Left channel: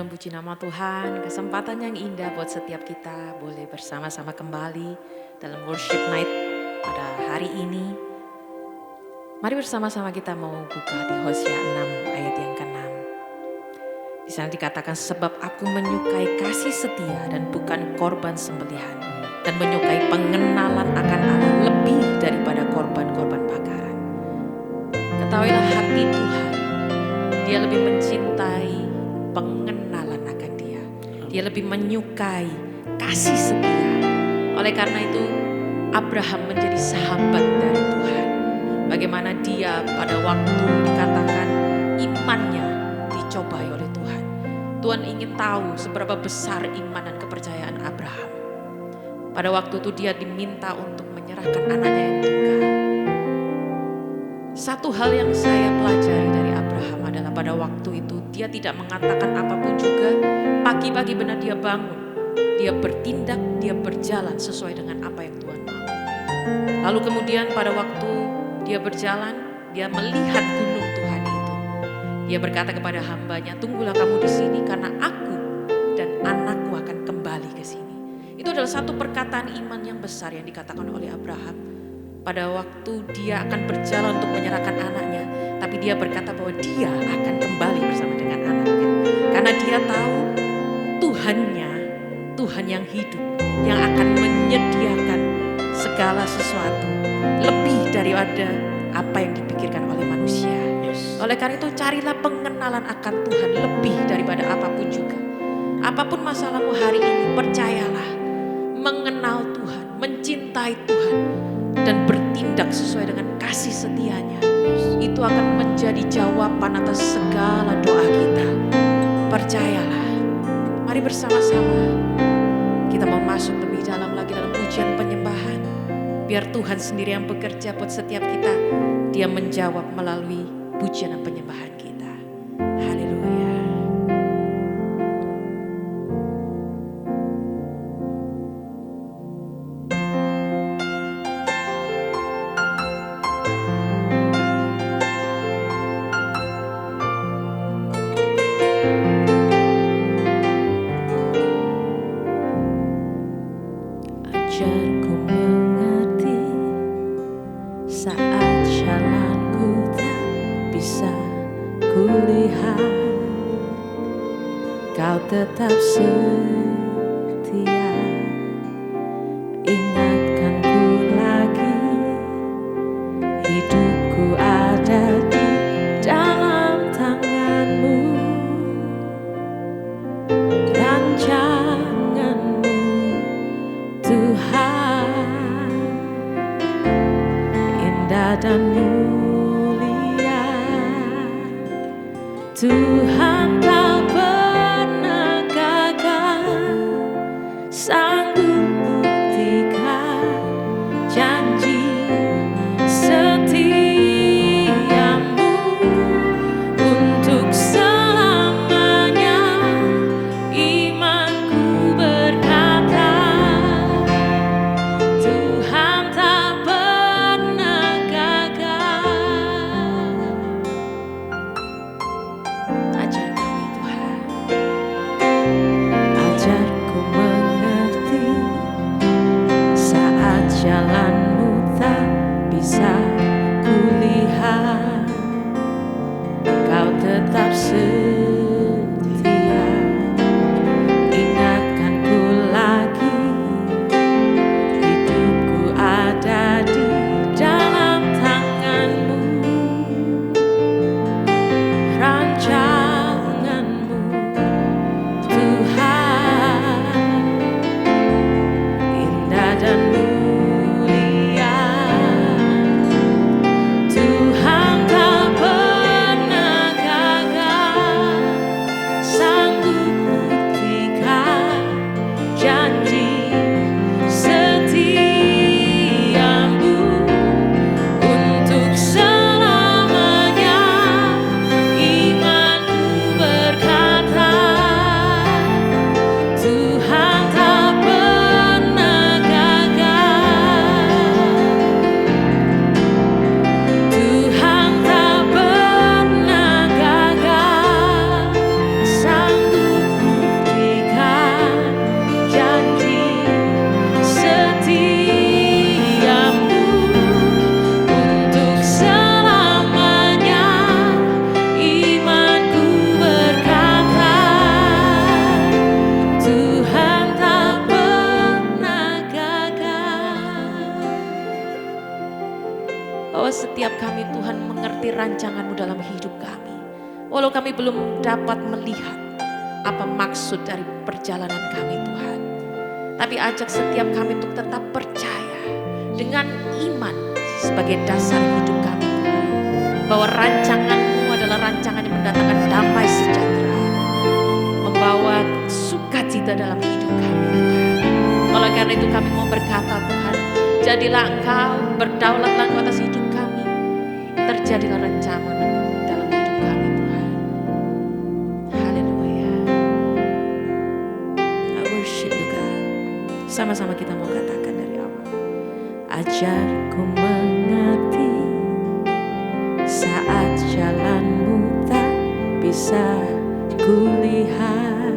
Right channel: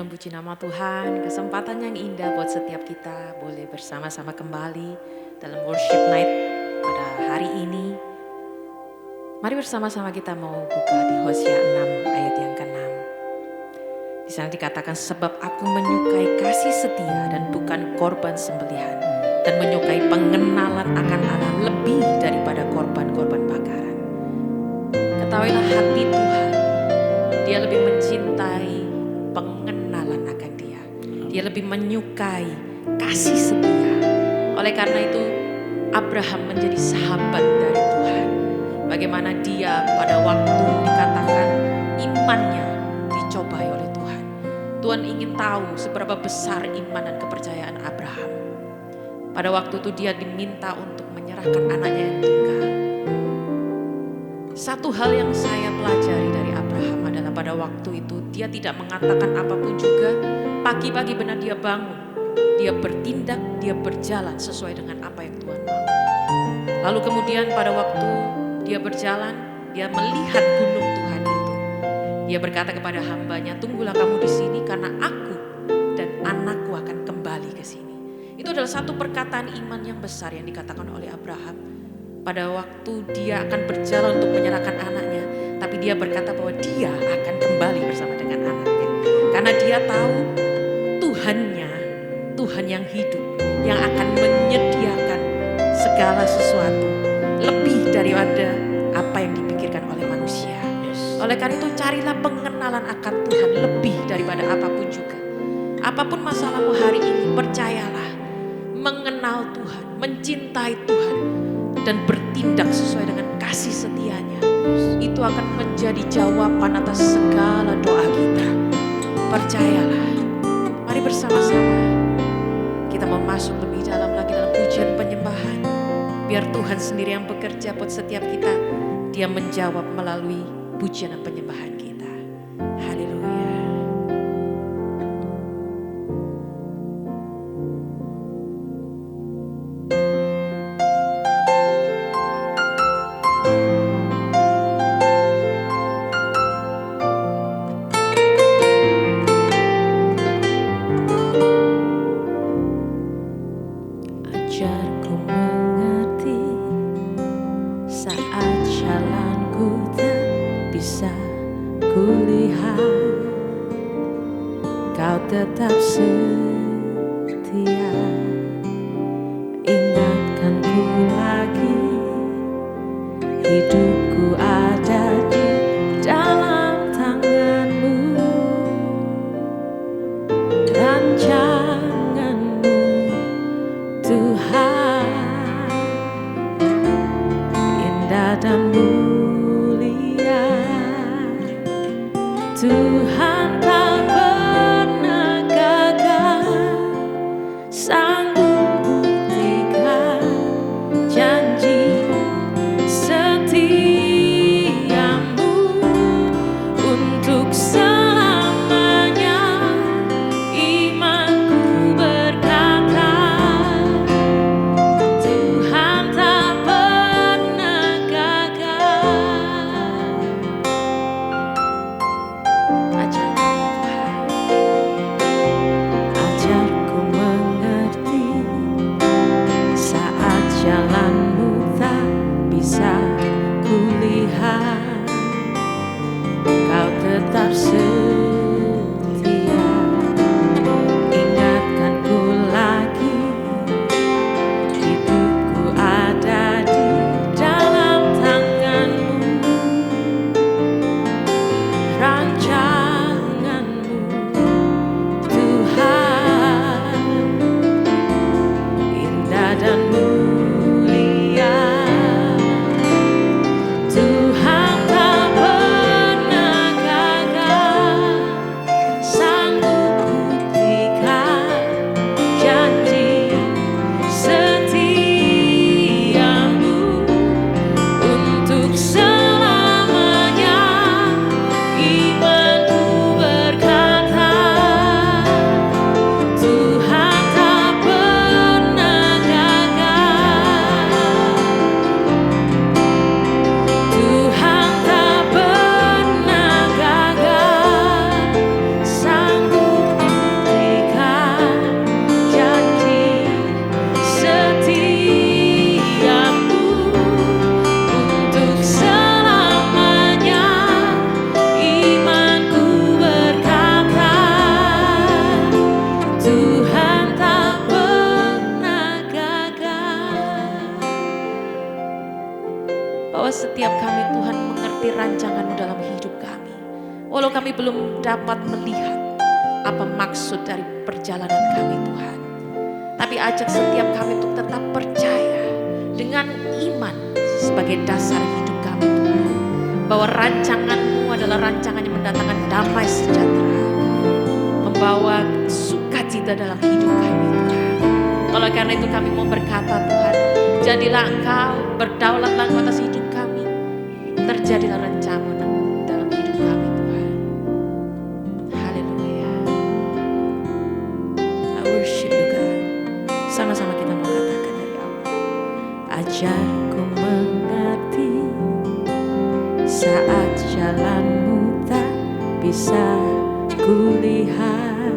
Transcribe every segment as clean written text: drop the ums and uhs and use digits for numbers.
Shalom, puji nama Tuhan. Kesempatan yang indah buat setiap kita boleh bersama-sama kembali dalam worship night pada hari ini. Mari bersama-sama kita mau buka di Hosea 6 ayat yang ke-6. Di sana dikatakan, sebab aku menyukai kasih setia dan bukan korban sembelihan, dan menyukai pengenalan akan Allah lebih daripada korban-korban bakaran. Ketahuilah hati Tuhan, Dia lebih mencintai pengenalan akan Dia. Dia lebih menyukai kasih setia. Oleh karena itu Abraham menjadi sahabat dari Tuhan. Bagaimana dia pada waktu dikatakan imannya dicobai oleh Tuhan. Tuhan ingin tahu seberapa besar iman dan kepercayaan Abraham. Pada waktu itu dia diminta untuk menyerahkan anaknya yang tunggal. Satu hal yang saya pelajari dari Abraham adalah pada waktu itu dia tidak mengatakan apapun juga. Pagi-pagi benar dia bangun, dia bertindak, dia berjalan sesuai dengan apa yang Tuhan mau. Lalu kemudian pada waktu dia berjalan, dia melihat gunung Tuhan itu. Dia berkata kepada hambanya, tunggulah kamu di sini karena aku dan anakku akan kembali ke sini. Itu adalah satu perkataan iman yang besar yang dikatakan oleh Abraham. Pada waktu dia akan berjalan untuk menyerahkan anaknya, tapi dia berkata bahwa dia akan kembali bersama dengan anaknya. Karena dia tahu Tuhannya, Tuhan yang hidup, yang akan menyediakan segala sesuatu lebih daripada apa yang dipikirkan oleh manusia. Oleh karena itu carilah pengenalan akan Tuhan lebih daripada apapun juga. Apapun masalahmu hari ini, percayalah, mengenal Tuhan, mencintai Tuhan, dan bertindak sesuai dengan kasih setianya, itu akan menjadi jawaban atas segala doa kita. Percayalah. Mari bersama-sama kita mau masuk lebih dalam lagi dalam pujian penyembahan. Biar Tuhan sendiri yang bekerja buat setiap kita. Dia menjawab melalui pujian dan penyembahan kita. Haleluya. Ajarku mengerti saat jalanku tak bisa kulihat, Kau tetap setia. Ingatkanku lagi, hidupku ada di dalam tangan-Mu. Rancangan-Mu Tuhan, indah dan mulia. Tuhan tak pernah gagal, sanggup buktikan janji setiamu untuk selamanya. Imanku berkata, Tuhan tak pernah gagal. Ajar kami Tuhan. Ajarku mengerti saat jalan-Mu tak bisa kulihat, Kau tetap setia. Ingatkanku lagi, hidupku ada di dalam tangan-Mu. Rancangan-Mu Tuhan, indah dan mulia. Tuhan tak pernah gagal, sanggup buktikan janji setiamu untuk selamanya. Imanku berkata, Tuhan tak pernah gagal. Tuhan tak bahwa setiap kami Tuhan mengerti rancangan-Mu dalam hidup kami. Walau kami belum dapat melihat apa maksud dari perjalanan kami Tuhan. Tapi ajak setiap kami untuk tetap percaya dengan iman sebagai dasar hidup kami Tuhan. Bahwa rancangan-Mu adalah rancangan yang mendatangkan damai sejahtera. Membawa sukacita dalam hidup kami Tuhan. Oleh karena itu kami mau berkata Tuhan, jadilah Engkau, berdaulatlah Engkau atas hidup kami. Terjadilah rencana dalam hidup kami Tuhan. Haleluya. I worship you God. Sama-sama kita mau katakan dari awal. Ajarku mengerti saat jalanmu tak bisa kulihat,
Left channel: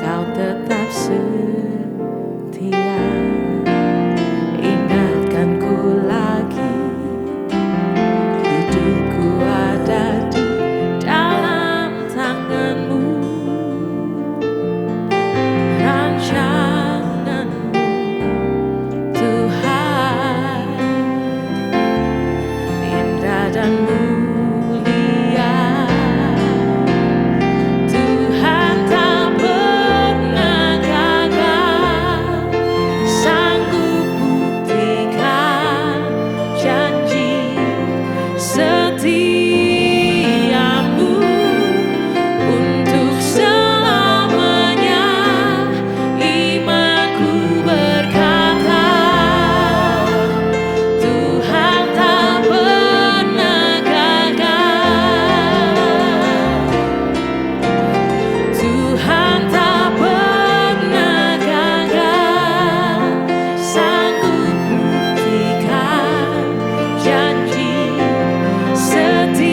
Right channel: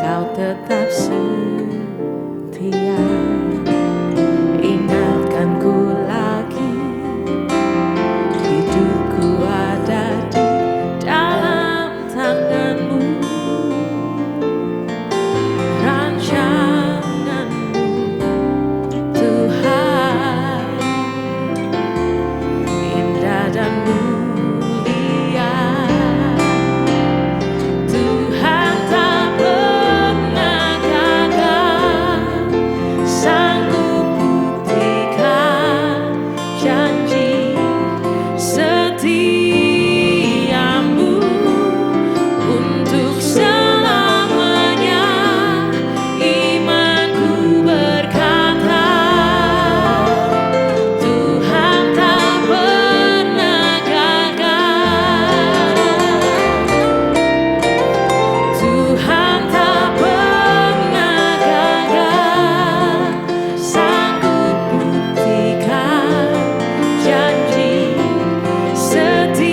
Kau tetap setia. Ingatkanku lagi, hidupku ada di dalam tangan-Mu. Rancangan-Mu Tuhan indah dan mulia. Tuhan tak pernah gagal, sanggup buktikan janji setiamu untuk selamanya. Imanku berkata, Tuhan tak pernah gagal. Tuhan tak pernah gagal, sanggup buktikan janji setia.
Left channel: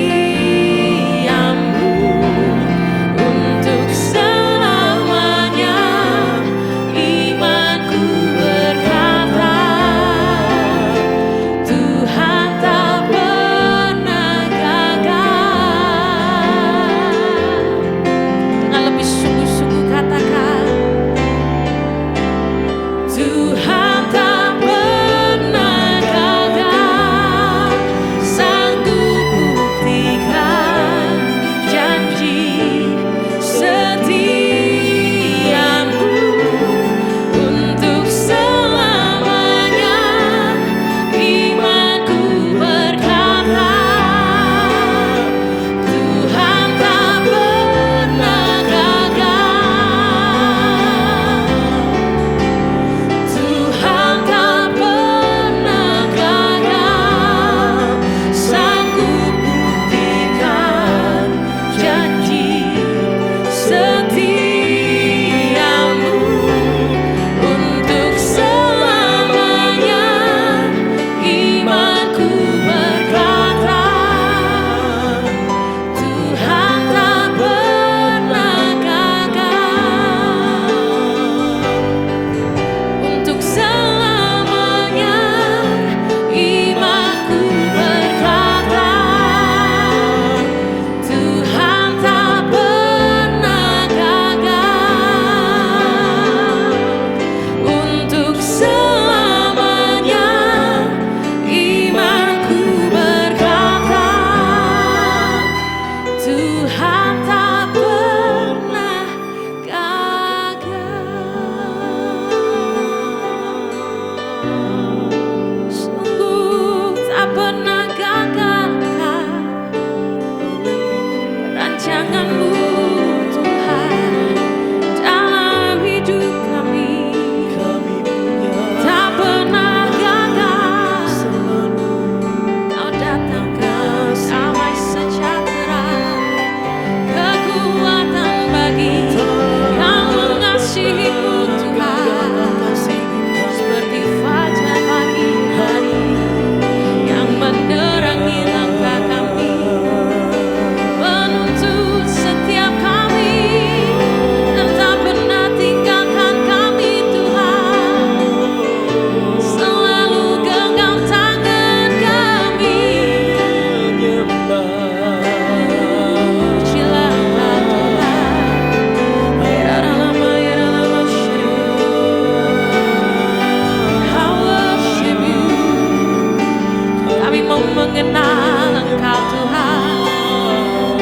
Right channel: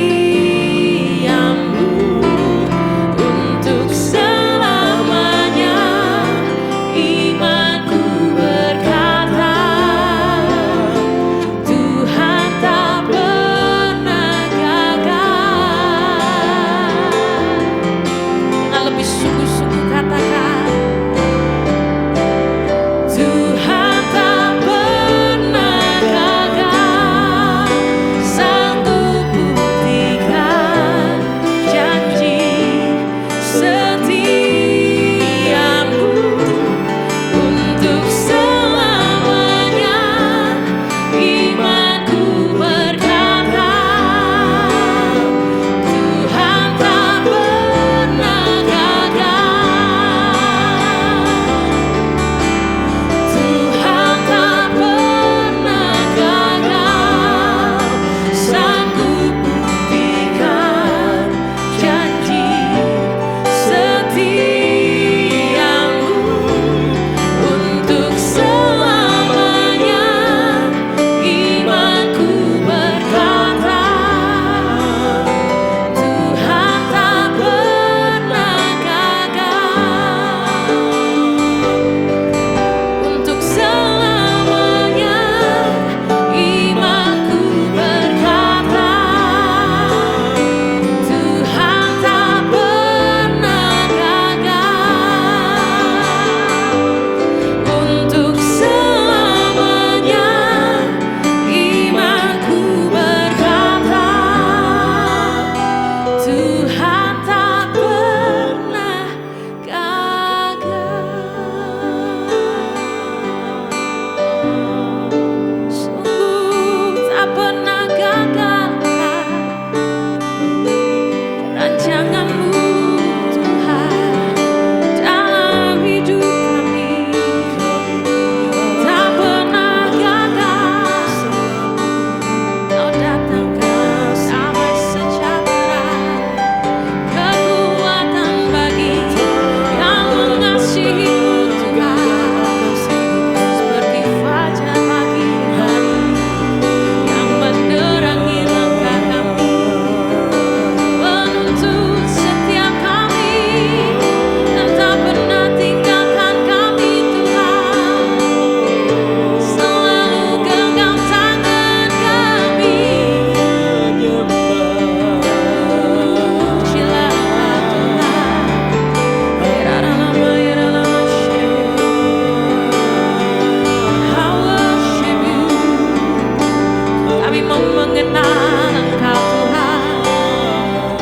Kami mau mengenal Engkau Tuhan,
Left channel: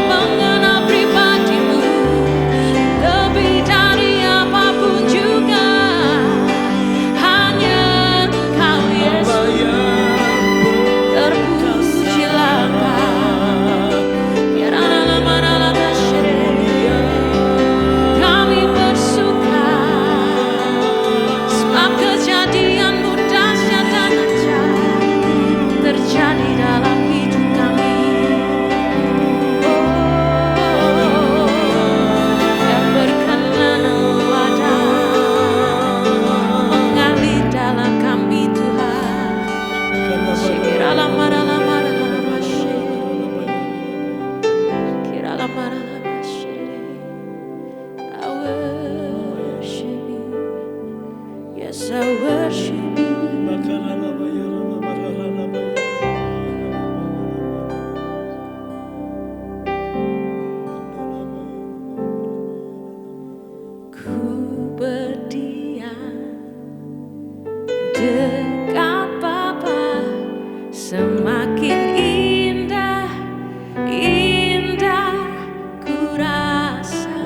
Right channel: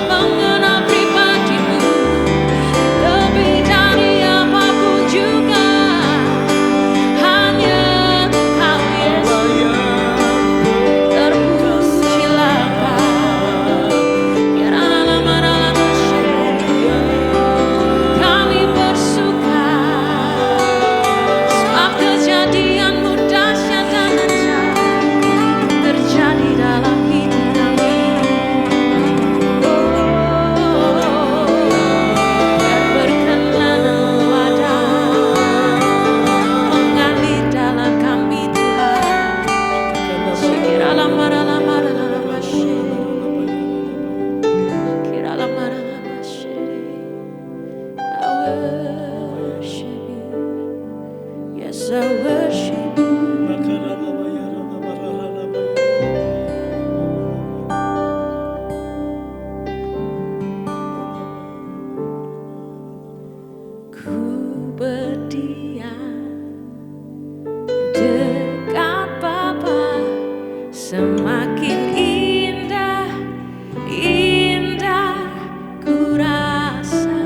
mengenal pribadi-Mu lebih dari apapun juga. Hanya Engkau Yesus, terpujilah Engkau. Kami bersuka sebab kejadian-Mu dahsyat dan ajaib terjadi dalam hidup kami. Biar berkenan-Mu ada mengalir dalam kami Tuhan. Kiralah marah I worship you. Yes, I worship you. Ku berdiam dekat Bapa, semakin indah, indah ku rasa.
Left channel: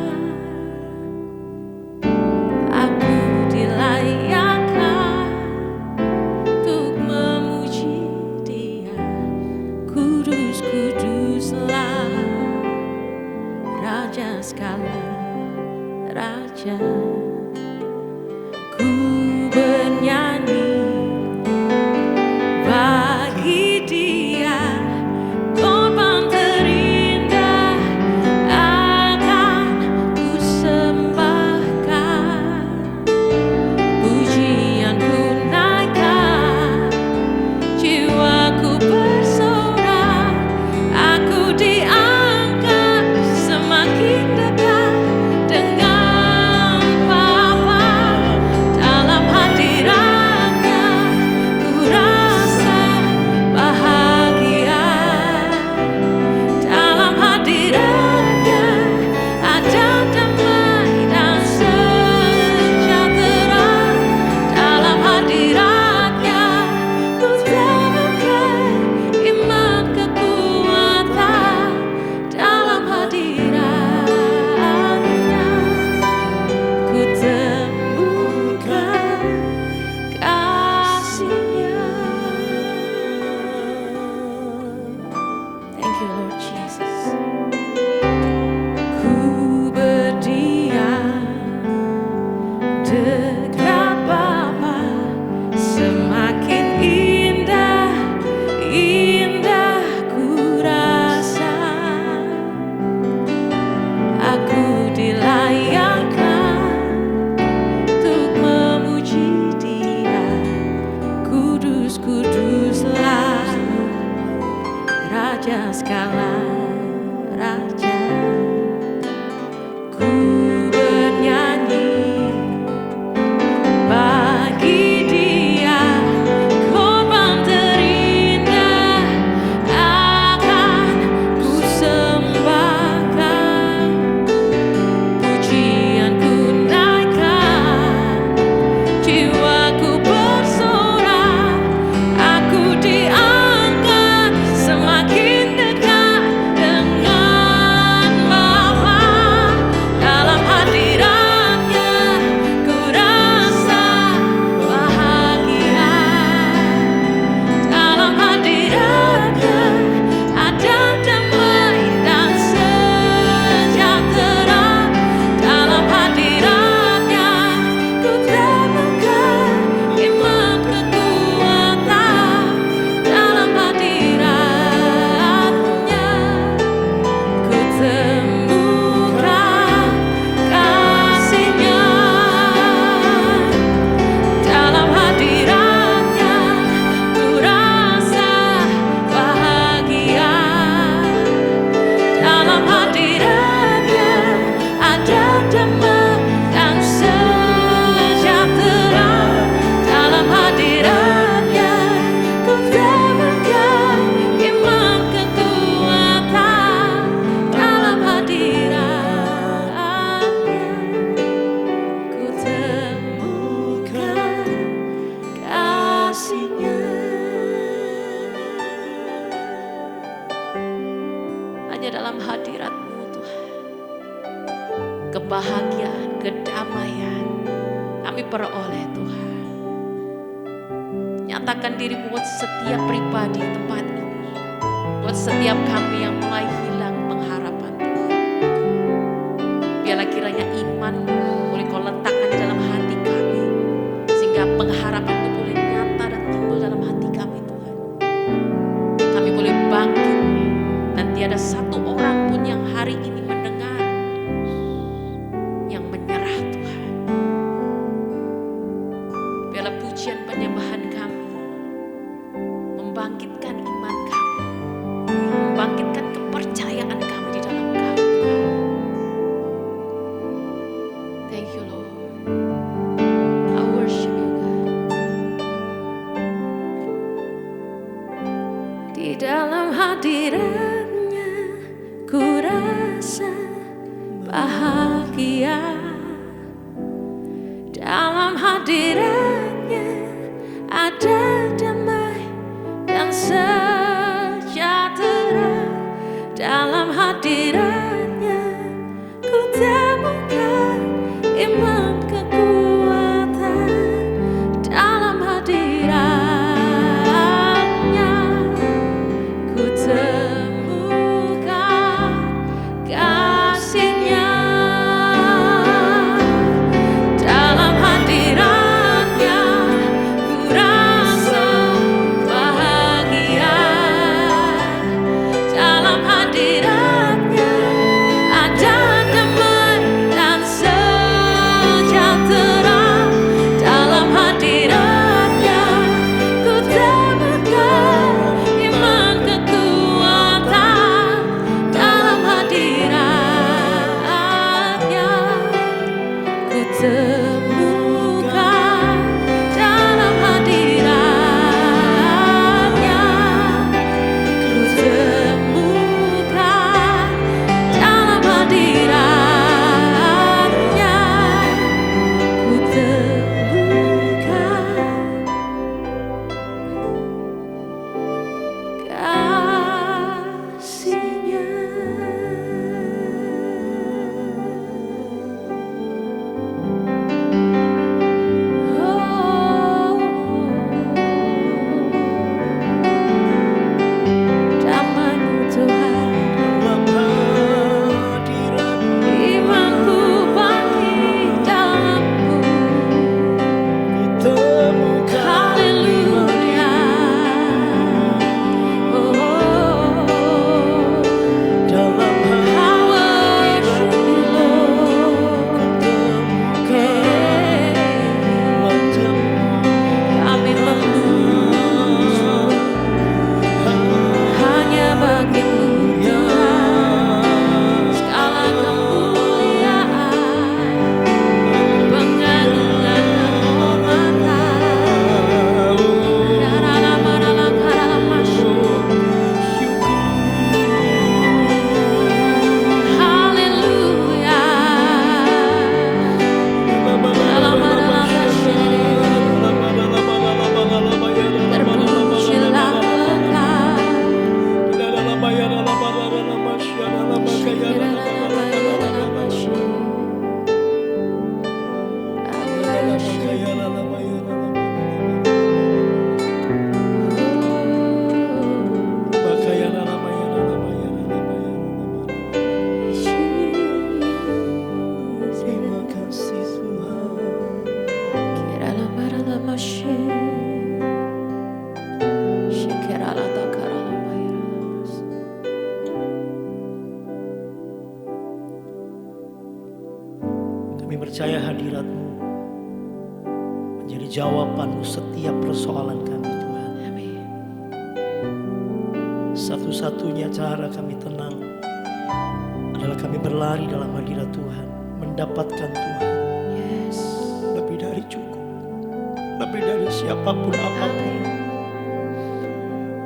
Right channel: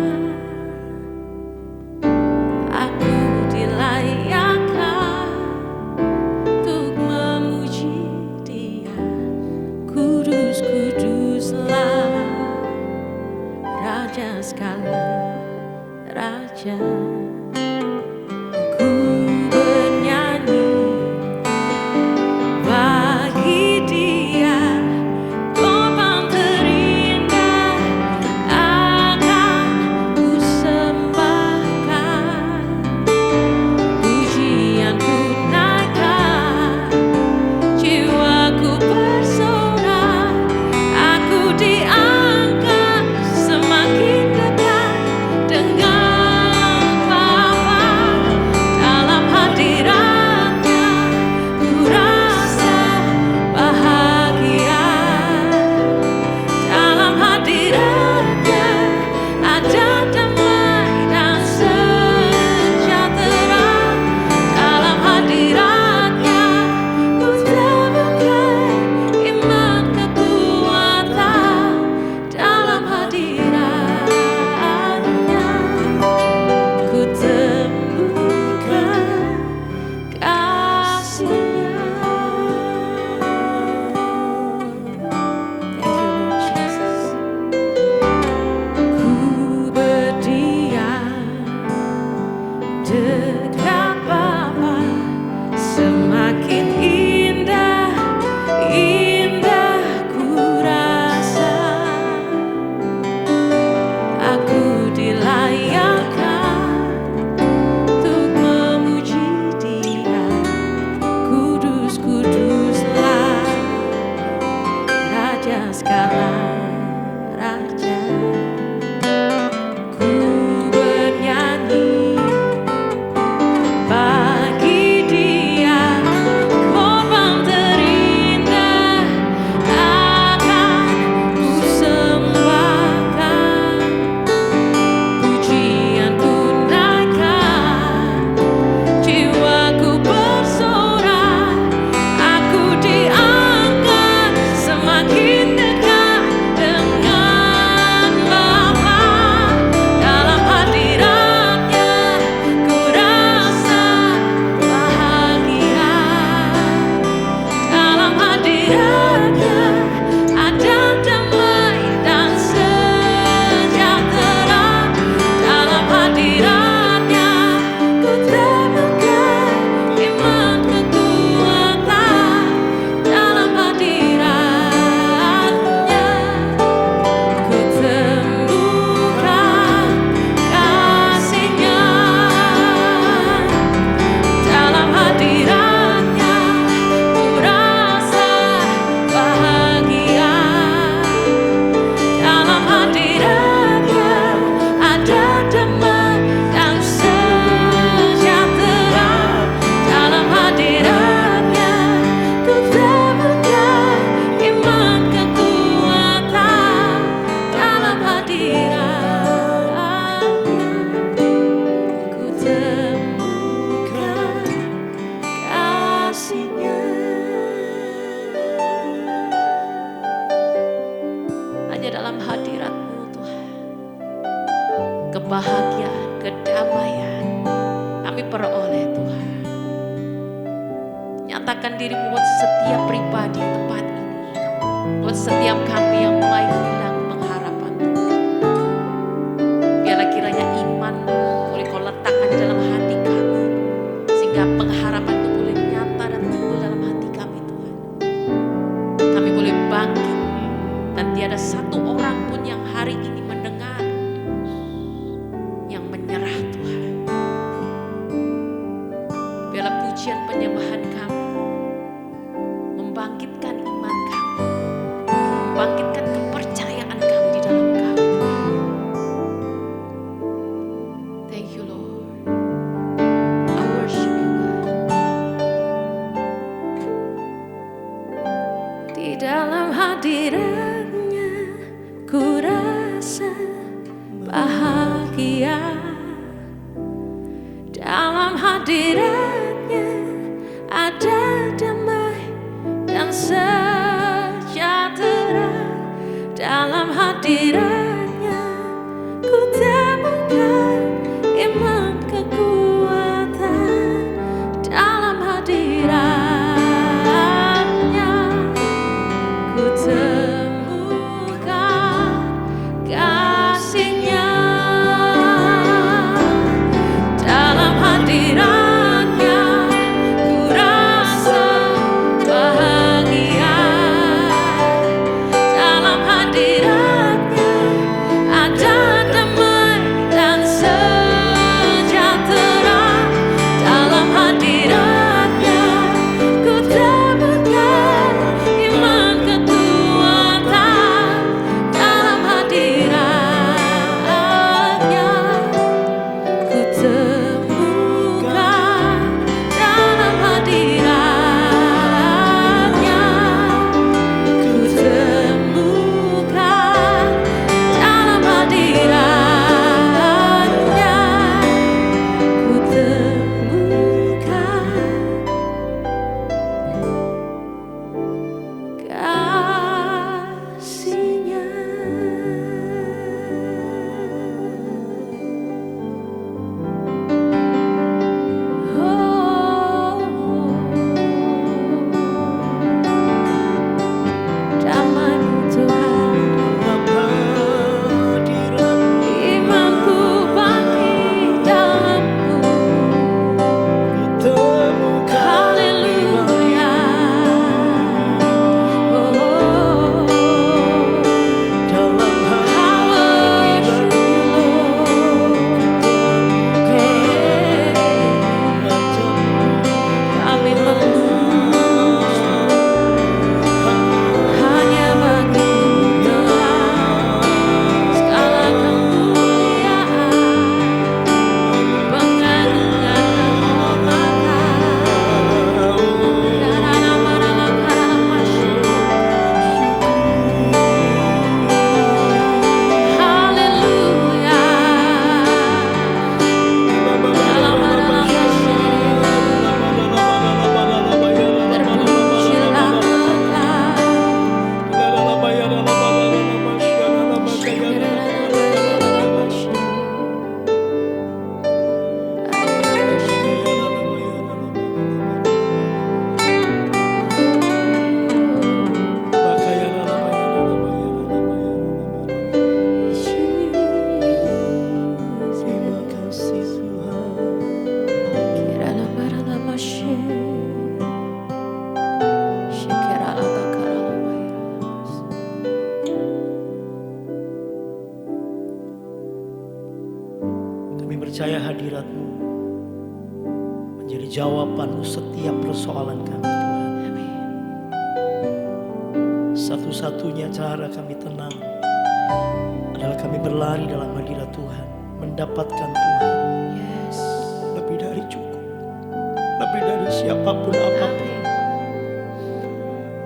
Aku dilayakkan untuk memuji Dia. Kudus, kuduslah Raja segala Raja. Ku bernyanyi bagi Dia, korban terindah akan ku sembahkan. Pujianku naikkan, jiwaku bersorak. Aku diangkat semakin dekat dengan Bapa. Dalam hadirat-Nya ku rasa bahagia. Dalam hadirat-Nya ada damai dan sejahtera. Dalam hadirat-Nya ku temukan iman kekuatan. Dalam hadirat-Nya ku temukan kasih-Nya. Thank you Lord Jesus. Ku berdiam dekat Bapa, semakin indah, indah ku rasa. Aku dilayakkan untuk memuji Dia. Kudus, kuduslah Raja segala Raja. Ku bernyanyi bagi Dia, korban terindah akan ku sembahkan. Pujianku naikkan, jiwaku bersorak. Aku diangkat semakin dekat hanya dalam hadirat-Mu Tuhan. Kebahagiaan, kedamaian kami peroleh Tuhan. Nyatakan diri-Mu buat setiap pribadi di tempat ini. Buat setiap kami yang mulai hilang pengharapan Tuhan. Biarlah kiranya iman boleh Kau letakkan di dalam hati kami. Sehingga pengharapan itu boleh nyata dan timbul dalam hati kami Tuhan. Kami boleh bangkit. Dan tiada satu orang pun yang hari ini mendengar yang menyerah Tuhan. Biarlah pujian penyembahan kami membangkitkan iman kami, membangkitkan kepercayaan kami di dalam Kau Tuhan. Thank you Lord. I worship you God. Di dalam hadirat-Nya ku rasa bahagia. Dalam hadirat-Nya ada damai dan sejahtera. Dalam hadirat-Nya ku temukan iman kekuatan. Dalam hadirat-Nya ku temukan kasih-Nya. Dalam hadirat-Nya ku rasa bahagia. Dalam hadirat-Nya ada damai dan sejahtera. Dalam hadirat-Nya ku temukan iman kekuatan. Dalam hadirat-Nya ku temukan. Dalam hadirat-Nya ku temukan. Dalam hadirat-Nya ku temukan kasih-Nya. Damai-Mu Tuhan, dalam hadirat-Mu imanku bangkit dalam-Mu. ku temukan Haleluya. Oh, dalam I worship you, Lord. Kami memuji hanya bagi-Mu Tuhan. Segala kemuliaan, pengagungan, kehormatan. Haleluya. Terpujilah Terima kasih Tuhan. Kami percaya hadirat-Mu menjadi jawaban setiap persoalan kami Tuhan. Amin. Satu-satunya cara kami tenang adalah kami berlari dalam hadirat Tuhan, mendapatkan Tuhan. Yes. Lebih dari cukup, lebih dari siapapun apapun, Amin.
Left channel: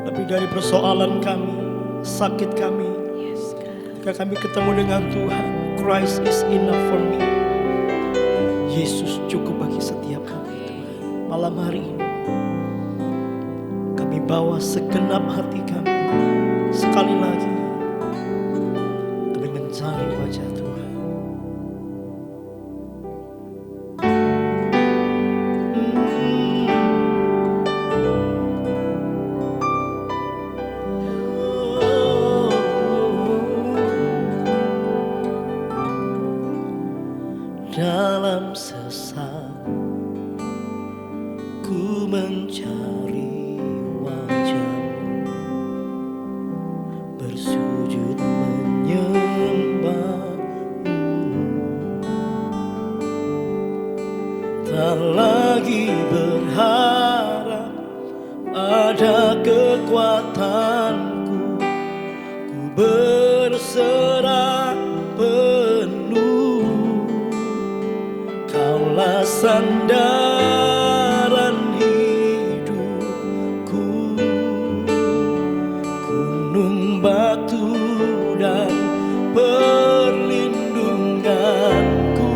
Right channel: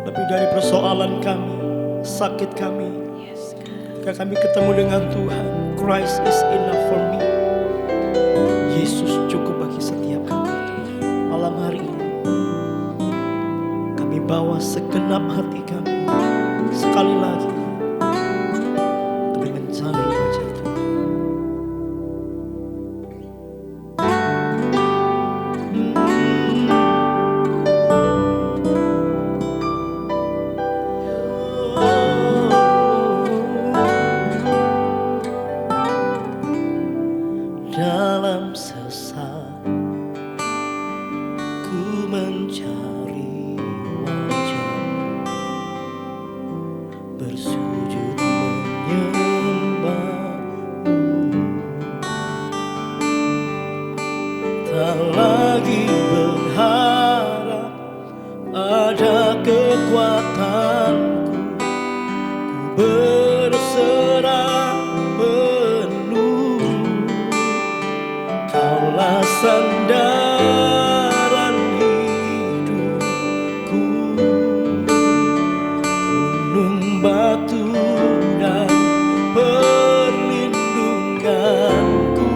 lebih dari persoalan kami, sakit kami. Yes, God. Ketika kami ketemu dengan Tuhan, Christ is enough for me. Yesus cukup bagi setiap kami Tuhan. Malam hari ini kami bawa segenap hati kami sekali lagi mencari wajah Tuhan. Dalam sesak ku mencari wajah-Mu, bersujud menyembah-Mu. Tak lagi berharap pada kekuatanku, ku berserah penuh. Kaulah sandaran hidupku, gunung batu dan perlindunganku,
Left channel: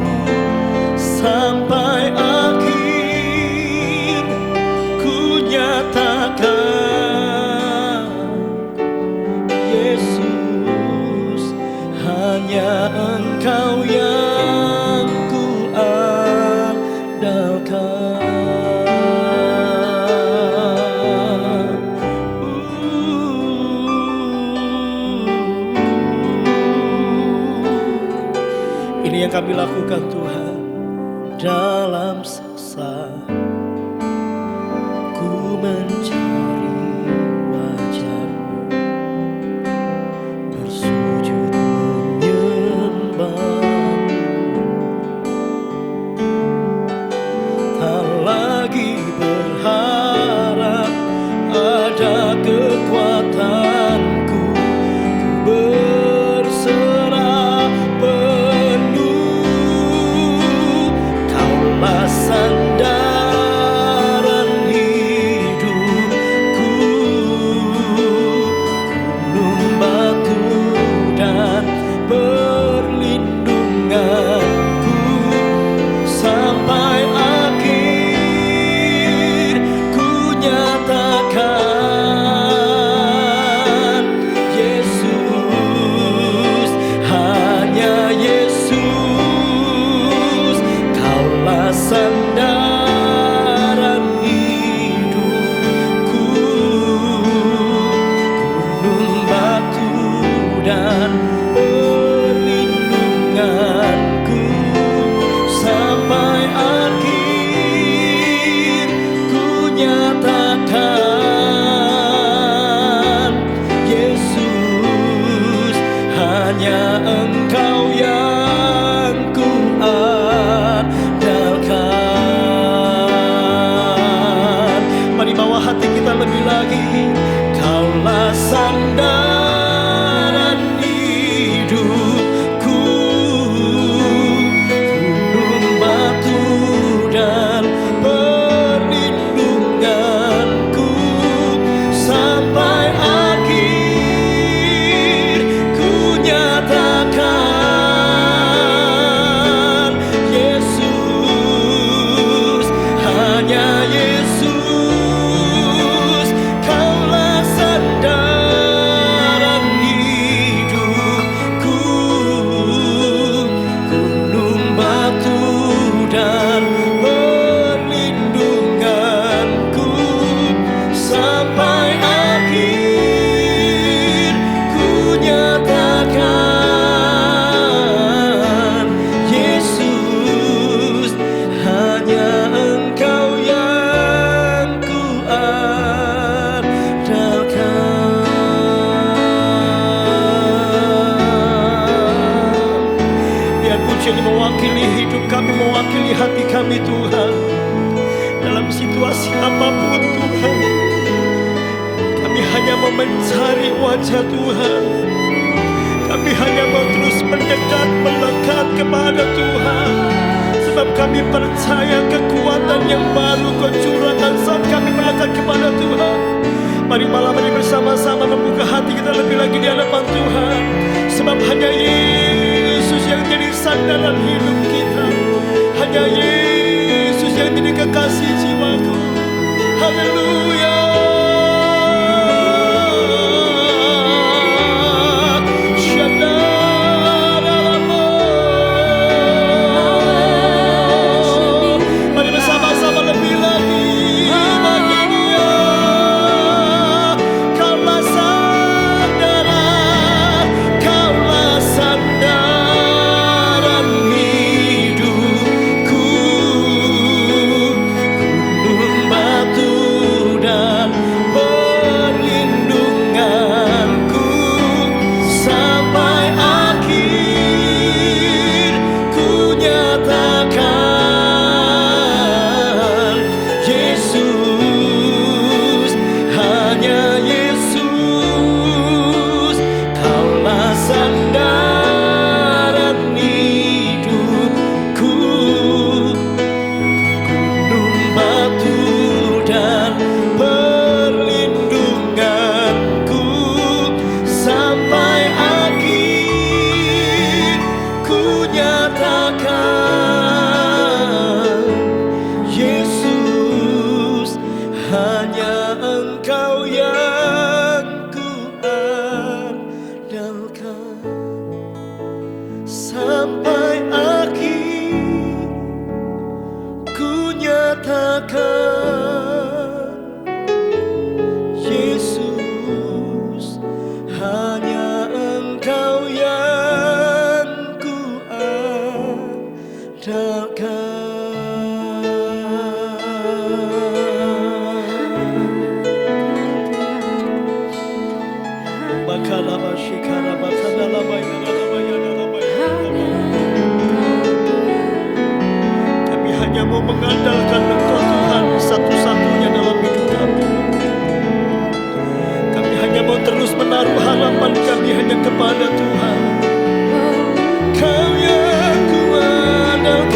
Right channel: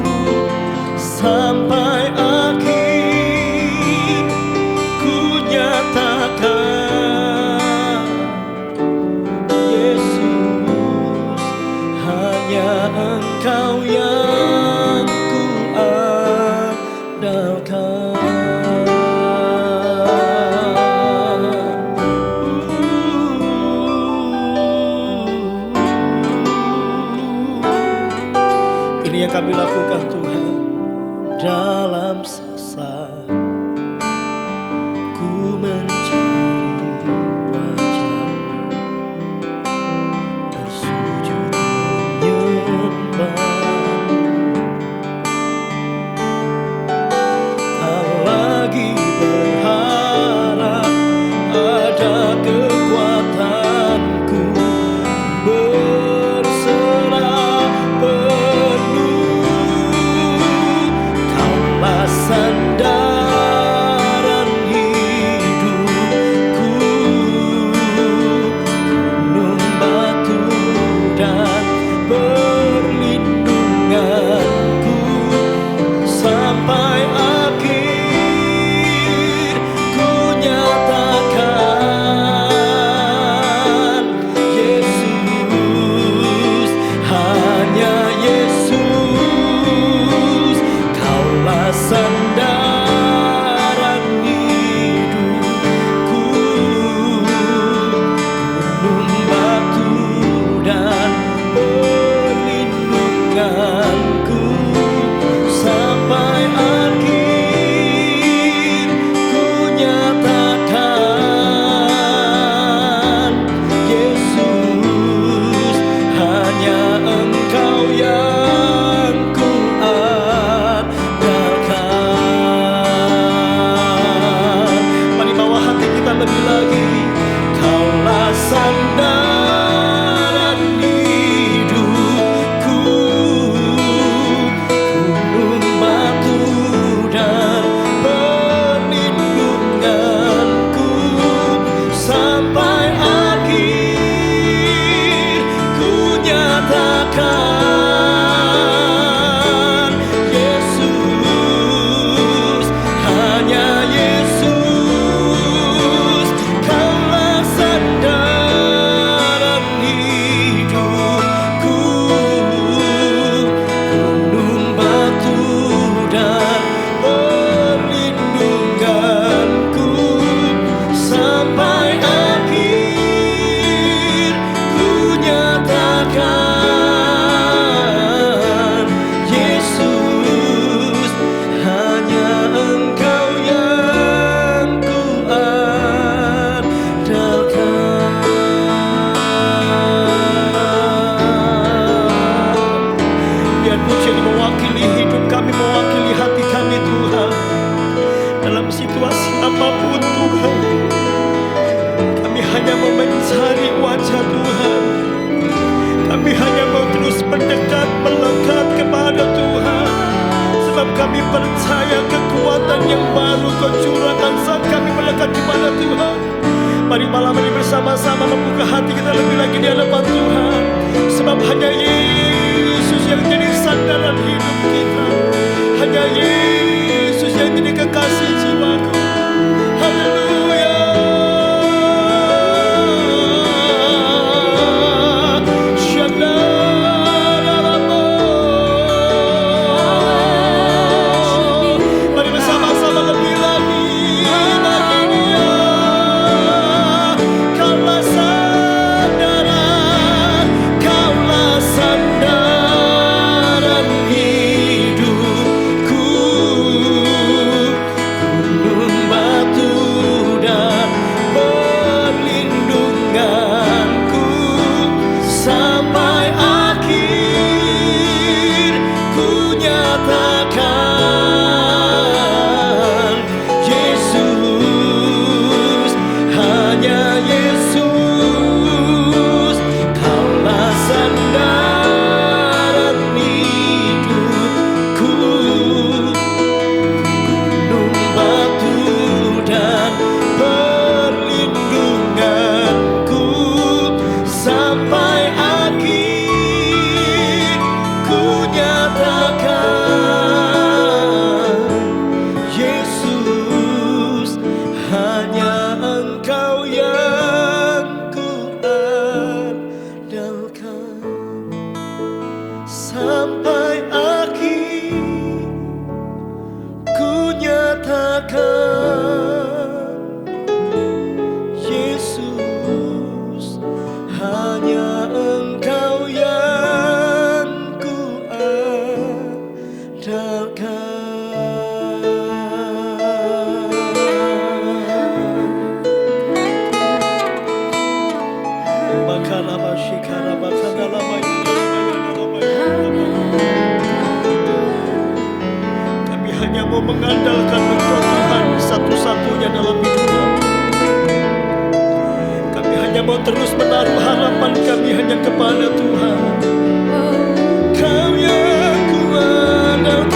sampai akhir ku nyatakan, Yesus, hanya Engkau yang ku andalkan. Ini yang kami lakukan Tuhan. Dalam sesak ku mencari wajah-Mu, bersujud menyembah-Mu. Tak lagi berharap ada kekuatanku, berserah penuh. Kaulah sandaran hidupku, gunung batu dan perlindunganku, sampai akhir ku nyatakan, Yesus, hanya Yesus, Kaulah sandaran hidupku, gunung batu dan perlindunganku, sampai akhir ku nyatakan, Yesus, hanya Engkau yang ku andalkan. Mari bawa hati kita lebih lagi. Kaulah sandaran hidupku, gunung batu dan perlindunganku, sampai akhir ku nyatakan, Yesus, hanya Yesus, Kaulah sandaran hidupku, gunung batu dan perlindunganku, sampai akhir ku nyatakan, Yesus, hanya Engkau yang ku andalkan. Biar puji ini mewakili hidup kami, mewakili hati kami Tuhan. Dalam situasi apapun Tuhan, kami hanya mau mencari wajah Tuhan. Kami hanya mau terus mendekat, melekat kepada Tuhan. Sebab kami percaya kekuatan yang baru Kau curahkan saat kami melekat kepada Tuhan. Mari malam ini bersama-sama membuka hati kita lebih lagi di hadapan Tuhan. Sebab hanya Yesus yang jadi sandaran hidup kita. Hanya Yesus yang jadi kekasih jiwaku. Haleluya. Syadar Makalama shikara makadalama yadalama yadalama hanya yadalama. Engkau Tuhan. Kami hanya mau mengandalkan Engkau Tuhan satu-satunya dalam hidup kami. Kami hanya mau terus menaruh harapan kami hanya kepada Tuhan. Kau yang kuandalkan,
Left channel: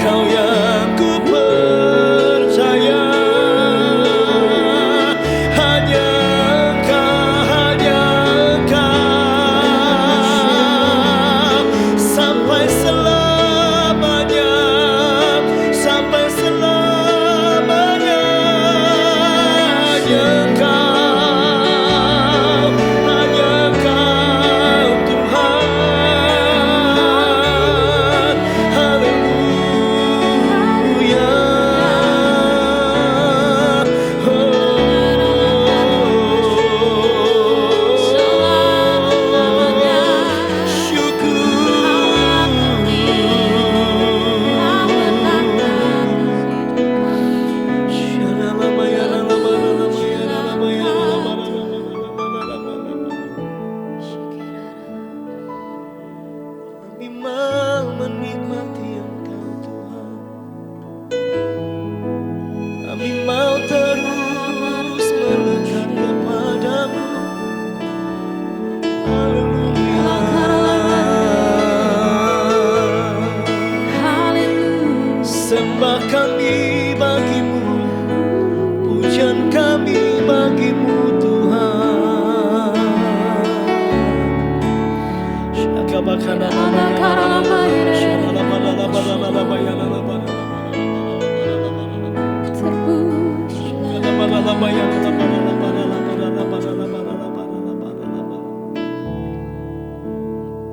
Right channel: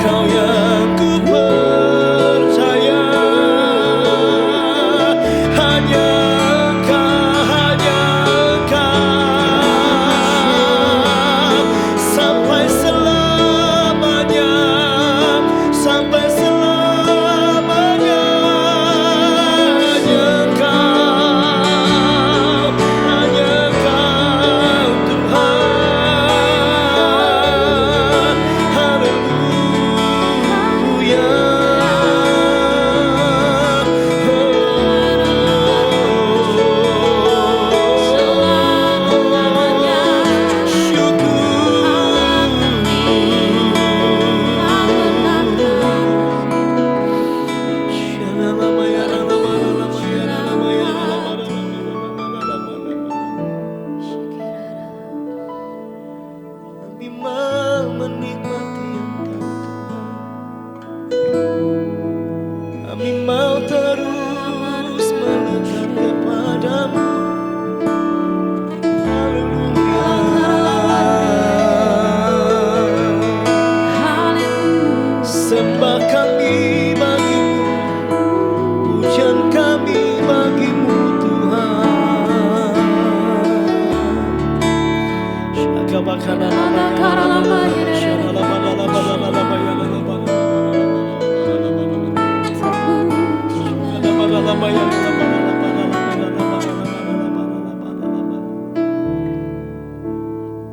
Kau yang ku percaya. Hanya Engkau sampai selamanya, sampai selamanya. Hanya Engkau Tuhan. Haleluya. Selama-lamanya Syukur. Kau menatap Kami mau menikmati Engkau Tuhan. Kami mau terus melekat kepadamu. Haleluya. Haleluya. Sembah kami bagimu, pujian kami bagimu Tuhan. Syakabakana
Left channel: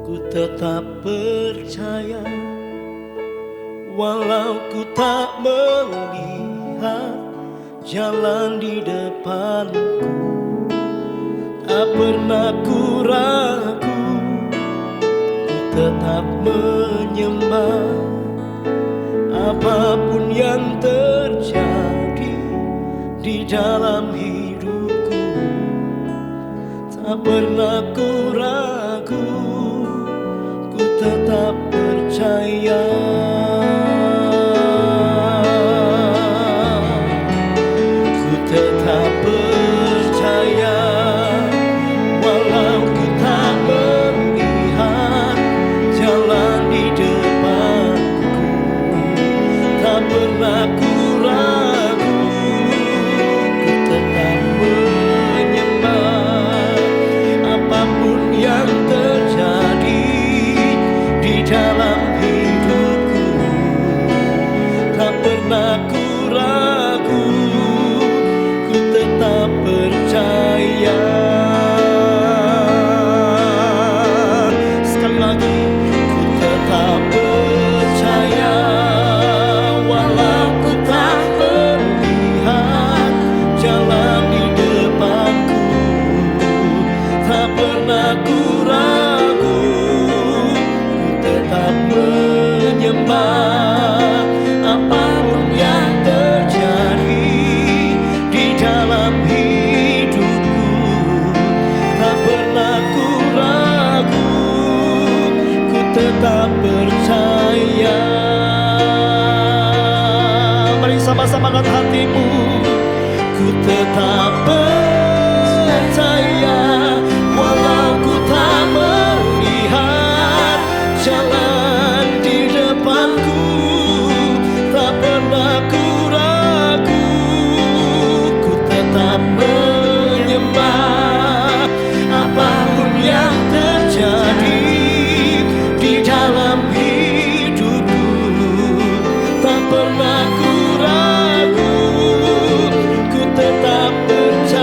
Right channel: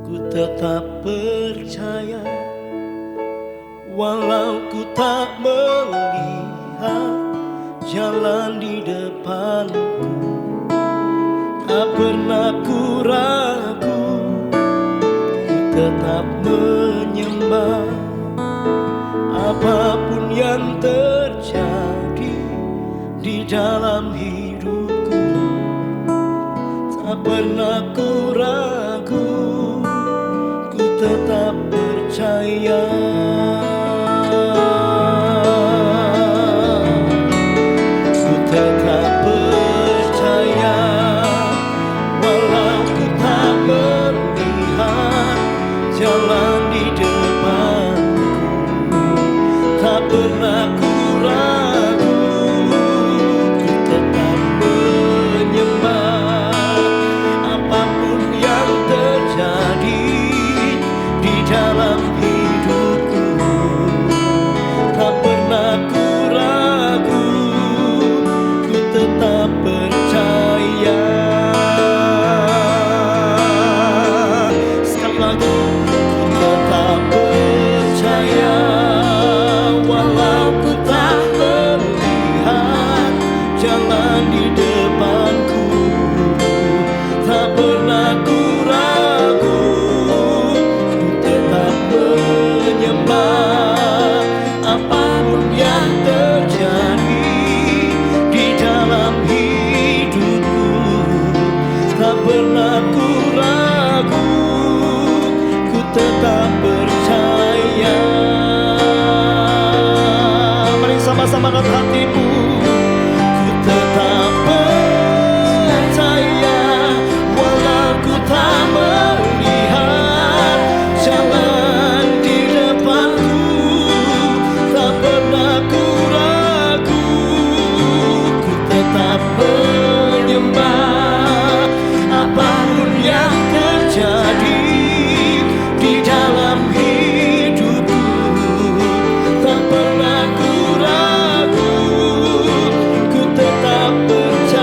Ku tetap percaya walau ku tak melihat jalan di depanku. Tak pernah ku ragu, ku tetap menyembah. Apapun yang terjadi di dalam hidupku, tak pernah ku ragu, ku tetap percaya. Ku tetap percaya walau ku tak melihat jalan di depanku. Tak pernah ku ragu, ku tetap menyembah. Apapun yang terjadi di dalam hidupku, tak pernah ku ragu, ku tetap percaya. Sekali lagi, ku tetap percaya walau ku tak melihat jalan di depanku. Tak pernah ku ragu, ku tetap menyembah. Apapun yang terjadi di dalam hidupku, tak pernah ku ragu, ku tetap percaya. Mari sama-sama angkat hatimu. Ku tetap percaya walau ku tak melihat jalan di depanku. Tak pernah ku ragu, ku tetap menyembah. Apapun yang terjadi di dalam hidupku, tak pernah ku ragu, ku tetap percaya.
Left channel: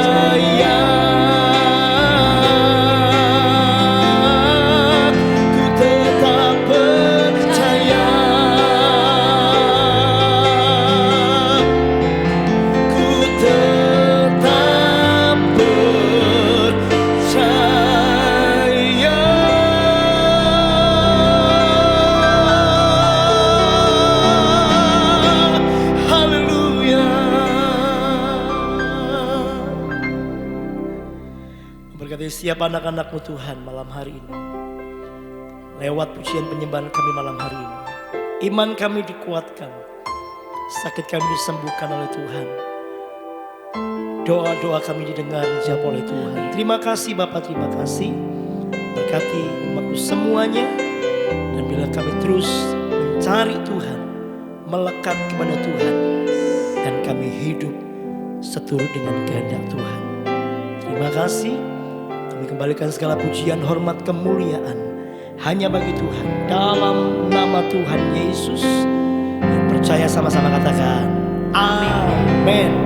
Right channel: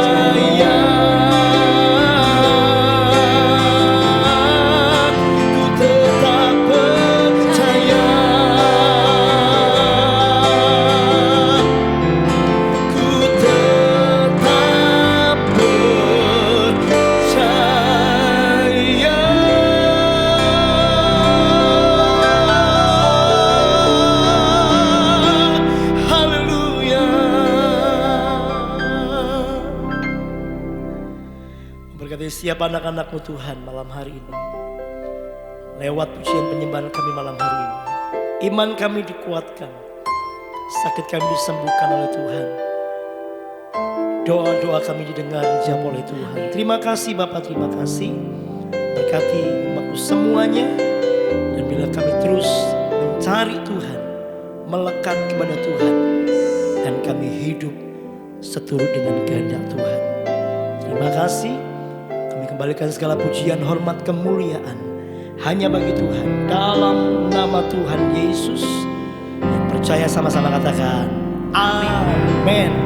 Berkati siap anak-anak-Mu Tuhan malam hari ini. Lewat pujian penyembahan kami malam hari ini, iman kami dikuatkan, sakit kami disembuhkan oleh Tuhan. Doa-doa kami didengar dijawab oleh Tuhan. Terima kasih Bapa, terima kasih. Berkati umat-Mu semuanya. Dan bila kami terus mencari Tuhan, melekat kepada Tuhan, dan kami hidup seturut dengan kehendak Tuhan. Terima kasih. Kami kembalikan segala pujian, hormat, kemuliaan hanya bagi Tuhan. Dalam nama Tuhan Yesus, yang percaya sama-sama katakan amin.